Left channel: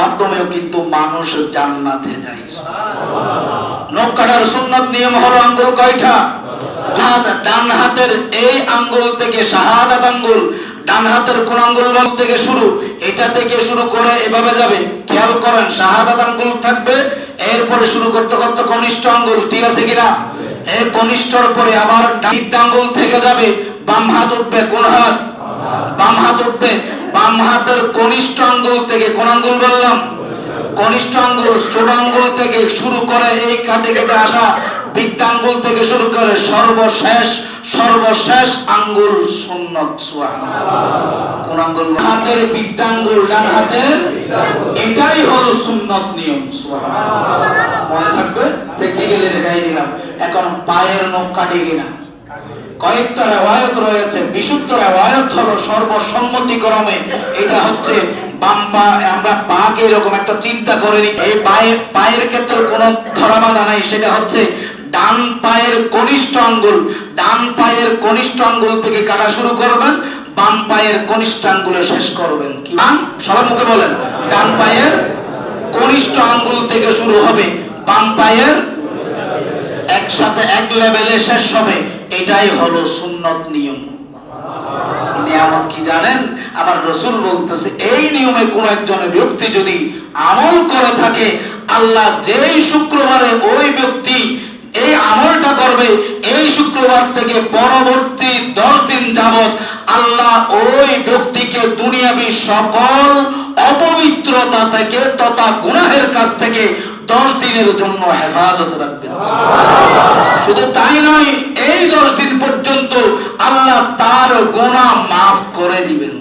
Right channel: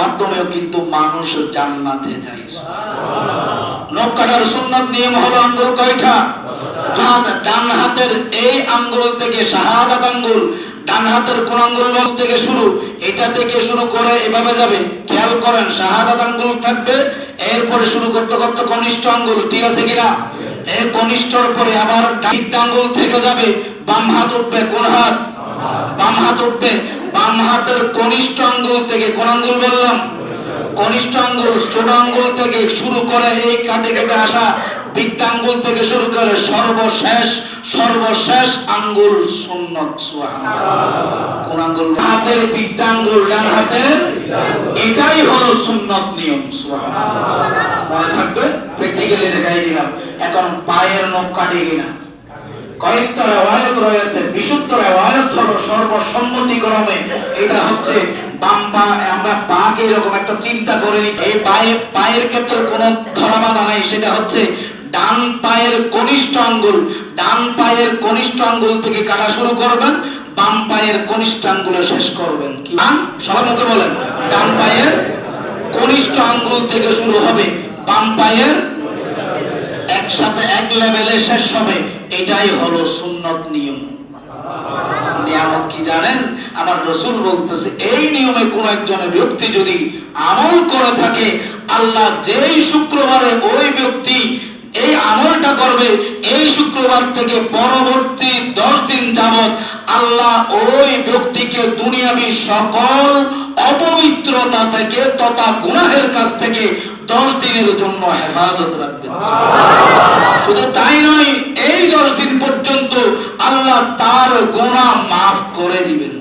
মাধ্যমেও কিন্তু মানুষ জান্নাতে যায়। সুন্নত নিয়ম হলো আঙ্গুল কয়টা? ডান হাতের এই আঙ্গুল থেকে শাহাদাত আঙ্গুল, ডান হাতের কোন আঙ্গুল থেকে শুরু, এটা থেকে শুরু করে এভাবে যাবে। খেয়াল করেন, শাহাদাত আঙ্গুল থাকবে, এরপরে শুরু করতে করতে কনিষ্ঠ আঙ্গুল, ঠিক আছে কিনা? এই কনিষ্ঠর পরে আবার আঙ্গুল থেকে যাবে, বাম হাত উঠবে কোন হাত? বাম হাত উঠবে। বাম হাতের কনিষ্ঠ আঙ্গুল থেকে কোন আঙ্গুল বললাম? কনিষ্ঠ আঙ্গুল, ছোট আঙ্গুল থেকে শুরু করে এই কাটে কেটে আসা বৃত্তাঙ্গুল থেকে শুরু করে সর্বশেষ সর্বশেষ আঙ্গুল সুন্নত কোন আঙ্গুল হাতের বৃত্তাঙ্গুল ডান হাতের? এটাই হলো সুন্নত নিয়ম মনে থাকবে? প্র্যাকটিক্যালি দেখাই দিলাম। এখন পায়ের নখ কাটে কিনা? কয়েকটা রেওয়ায়ত রয়েছে, বিশুদ্ধ রেওয়ায়ত হলো সর্বসম্মতিক্রমে। এটা হচ্ছে বাম আমরা পাকে এরকম একটা চিন্তা করে এই পায়ে, পায়ের ক্ষেত্রে কোনো ধরাবাধা নাই, সেটা হচ্ছে ডান পায়ের কনিষ্ঠ আঙ্গুল। ডান পায়ের কনিষ্ঠ আঙ্গুল থেকে কাটা শুরু করবেন, বাম পায়ের কনিষ্ঠ আঙ্গুলে শেষ করবেন কি? সবার মুখে বলেন। ডান পায়ের কনিষ্ঠ আঙ্গুল থেকে শুরু হবে, বাম পায়ের একসাথে এক লেভেলে শেষ হবে। এটাই হলো সুন্নত নিয়ম। নিয়ামত কি জানেন? আমার রসুল বলতেছে, এই নিয়মে কোন একজন ব্যক্তি যদি আমল করে থাকে, আল্লাহ যেই শুক্রবারে ওই ব্যক্তি এই আমলটা করবে, এই শুক্রবার থেকে পরবর্তী দশ দিন যাবত আল্লাহ ওই ব্যক্তিকে দুনিয়াবি সকল অপবিত্রতা থেকে তথা গুনাহের কাছ থেকে দশ দিনের জন্য হেফাজত রাখবেন। শুধু তাই নয় এই দশ দিন পর্যন্ত আল্লাহ তার গোনা মাফ করে দিবেন।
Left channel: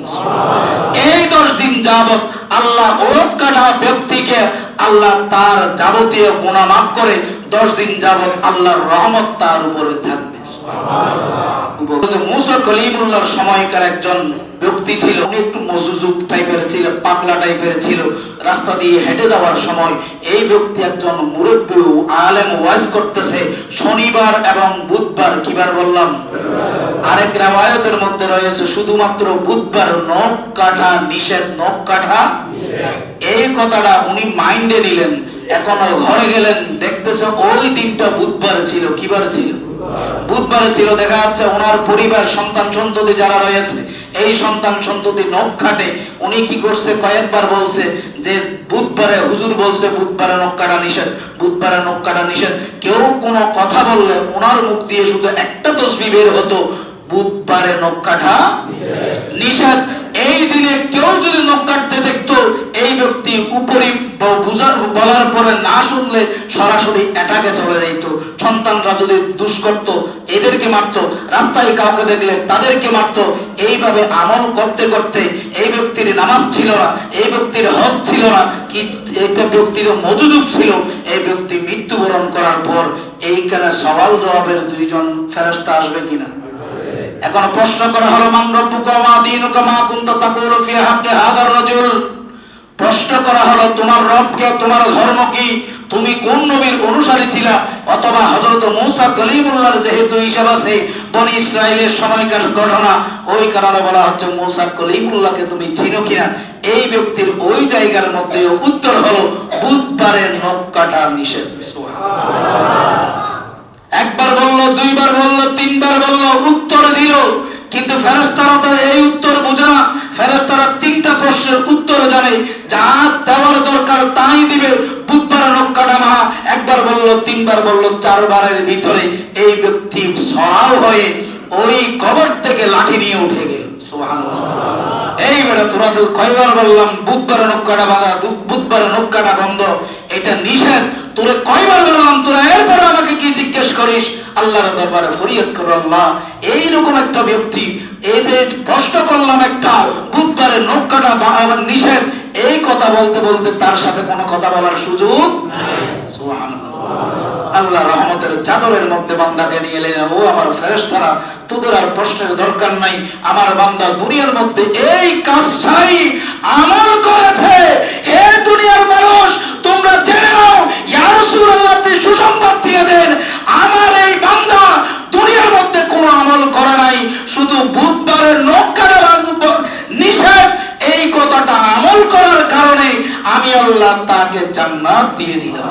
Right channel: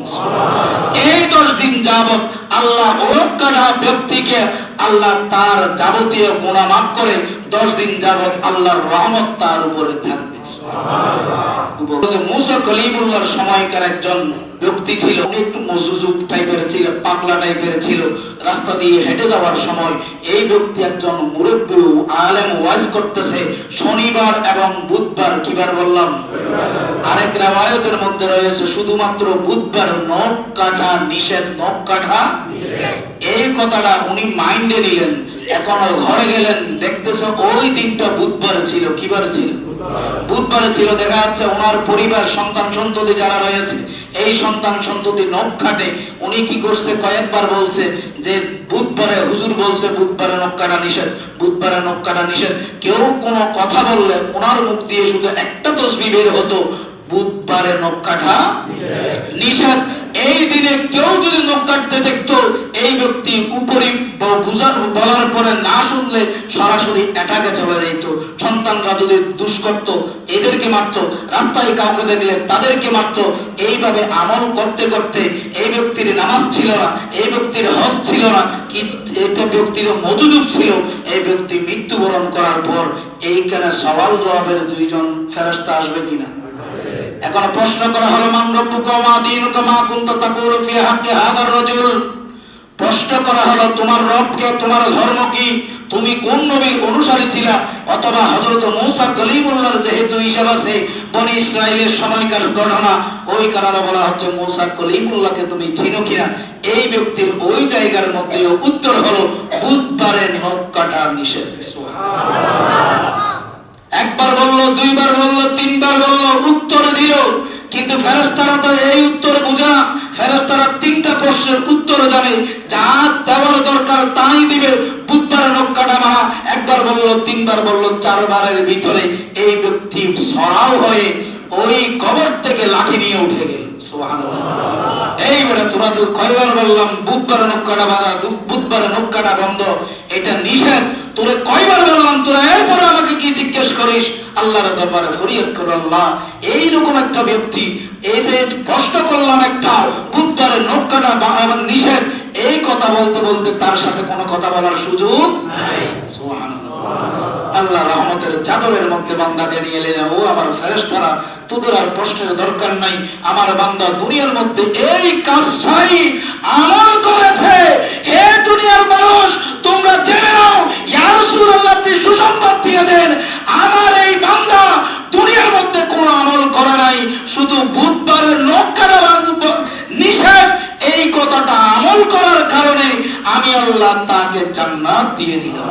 এই দশ দিন যাবত আল্লাহ ওরকাটা ব্যক্তিকে আল্লাহ তার যাবতীয় গোনা মাফ করে দশ দিন যাবত আল্লাহর রহমত তার উপরে থাকবে। মুসা কলিমুল্লাহর সময়কার একজন ব্যক্তি ছিল একটু মজুজুক টাইপের ছিল, পাগলা টাইপের ছিল। রাস্তা দিয়ে হেঁটে যাওয়ার সময় এই ব্যক্তি একজন মুরব্বী আলেম ওয়াজ করতেছে, শনিবার এবং বুধবার কিবার বললাম? আরেক রামায়তের মধ্যে রয়েছে, শুধুমাত্র বুধবার নখ কাটা নিষেধ, নখ কাটা এই কথাটা উনি মাইন্ডে নিলেন, এখন ঘরে গেলেন, দেখতেছে ওই দিনটা বুধবার ছিল কিবার ছিল? বুধবার ছিল, দেখা যাচ্ছে ওনার পরিবার, সন্তান সন্ততি যারা রয়েছে এই সন্তান সন্ততি নখ কাটে। উনি কি করছে? কয়েকবার বলছে যে, বুধবারে হুজুর বলছে বুধবারে নখ কাটা নিষেধ, বুধবারে নখ কাটা নিষেধ। কেউ কোনো কথা বললে ওনার মুখ দিয়ে শুধু একটা তসবি বের হতো, বুধবারে নখ কাটা নিষেধ। এই দিনে কেউ যদি নখ কাটতে দেখতো, এই ব্যক্তি উপরে বলার পরে না শুনলে সরাসরি অ্যাটাকে চলে যাইতো। সন্তানরা যদি দুষ করত এদেরকে মারত, রাস্তায় কাউকে দেখলে তাদেরকে মারত, এইভাবে আমল করতে করতে এই ব্যক্তির নামাজ ছিল না, এই ব্যক্তির হজ ছিল না, কি একটা ব্যক্তির মজুদুক ছিল, এই ব্যক্তি মৃত্যুবরণ করার পর এইখানে সওয়াল জবাবের দুইজন ফেরস্তা আসবে কিনা? এখন প্রশ্ন করা হলো মান রব্বুকা মা দীনুকা মা কুনতা তাকুলু ফি হাক্কি হাদার রাজুল? প্রশ্ন করা হলো তোমার রবকে তোমার ধর্ম কি? তুমি কোন নবীর অনুসারী ছিলা? অথবা হযরত মূসা কলিমুল্লাহর যেহেতু হিসাব আছে বনি ইসরাইলের সময়কার ঘটনা ওই কারণে বলা হচ্ছে মূসা কলিমুল্লাহকে তুমি চিনো কিনা? এই ব্যক্তির ওই জায়গার মধ্যে উত্তর হলো বুধবারে নখ কাটা নিষেধ একবার বলল দুইবার বলল তিনবার বলল দিল কিন্তু ফেরেস্তারা তো এই উত্তর বোঝা ফেরেস্তারা তিনটা প্রশ্নের উত্তর জানে যা দেওয়ার দরকার তাই দিবে। বুধবার নক্কাটা মারা একবার বলল, তিনবার বলল, চারবারের ভিতরে এই ব্যক্তি সরাও হয়ে ওই কবর থেকে লাঠি নিয়ে উঠে গেল। এইবারে তোমাদের কয়বার বললাম, বুধবারে নক্কাটা বাঁধা বুধবারে নক্কাটা বন্ধ। এটা নিষেধ। তোরে কয়বার বললাম, তোরা এরপরে আমাকে কি জিজ্ঞেস করিস? আল্লাহর দরবারে ফরিয়াদ করো আল্লাহ। এইরকম একটা ব্যক্তি এতে প্রশ্ন করলাম একটা, বুধবারে নৌকাটা এবং নিষেধ, এই কথা বলতে বলতে তার সাথে কোনো কথা বলার সুযোগ আল্লাহ রহমতের চাদরের মধ্যে বান্দাকে নিয়ে এলেন, ও আমার ফেরেশতারা, তোদের আর প্রশ্নের দরকার নাই। আমার বান্দা দুনিয়ার মধ্যে এই কাজটাই আমল করেছে। হে দুনিয়ার মানুষ তোমরা জেনে নাও ইয়া রাসূলুল্লাহ আপনি সুসংবাদ দিয়ে দেন আমার এই বান্দা দুনিয়ার মধ্যে কোনো আমল করে নাই শুধু বুধবারের নখ কাটা নিষেধ, এই কথাটা আমল করার কারণে আমি আল্লাহ তাকে জান্নাত দিয়ে দিলাম।